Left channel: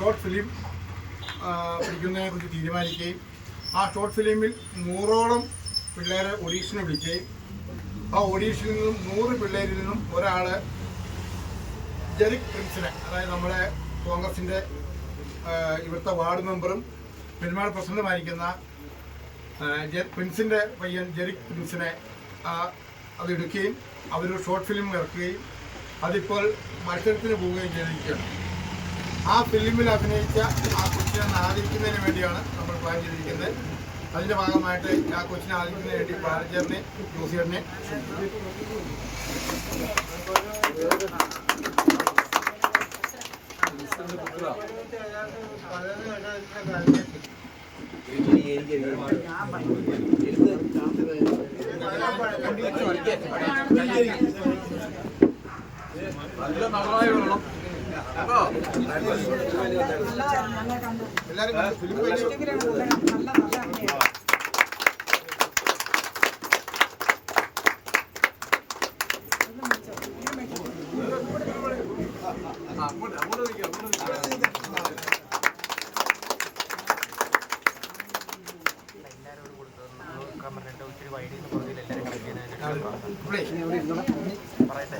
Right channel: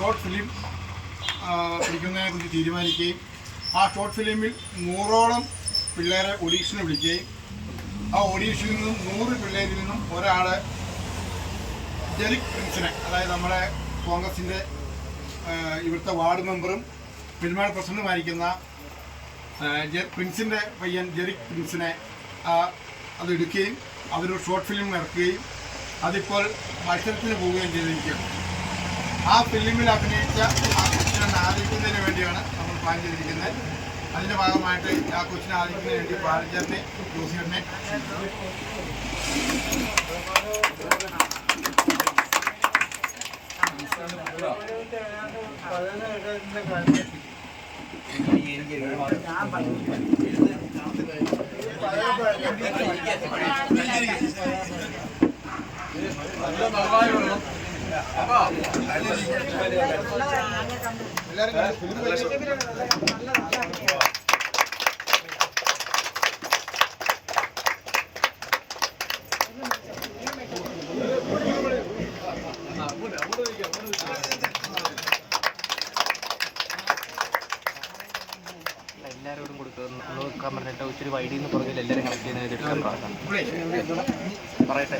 Short film പിടിക്കുന്നതിനെക്കുറിച്ച് തീരുമാനിക്കുകയും ആ short ഫിലിമിൽ 100ഓളം പിള്ളേരെ ഓഡീഷന് വിളിക്കുകയും ആ ഓഡീഷനിൽ നിന്നും 100 പിള്ളേരിൽ നിന്നും ഒരാൾ ജെറിക് പ്രിൻസിനെ, അതായത് നമ്മുടെ കോൺഗ്രസിൻ്റെ ഇവിടുത്തെ വാർഡ് മെമ്പറും പെരുമാൾ പ്രസിഡന്റുമായിരിക്കുന്ന പ്രിൻസിൻ്റെ പയ്യൻ ജെറിക് പ്രിൻസിനെ അതെടുക്കുകയും അവരൊരു ഷോർട്ട് ഫിലിം ഇറക്കുകയും അതിപ്പോൾ മത്സരത്തിന് പോവുകയും ചെയ്തിരിക്കുകയാണ്. ആ ഫിലിമിൽ അഭിനയിച്ച ആ കൊച്ചിനെ ആദരിക്കുന്നതിന് വേണ്ടിയാണ് നമ്മൾ പ്ലാൻ ചെയ്തിരിക്കുന്നത്. അതിൻ്റെ ഭാഗമായിട്ട് ആ കൊച്ചിനെ ആദരിക്കുന്നതിന് വേണ്ടി പാലച്ചേരനെ ജോസിയറിനെ നല്ല നന്നായി വെള്ളം എല്ലാവരോടും കൊടുക്കുക. ഒത്തിരി വൈഡിന്ന് പറഞ്ഞില്ല എല്ലാവരും പറയട്ടെ.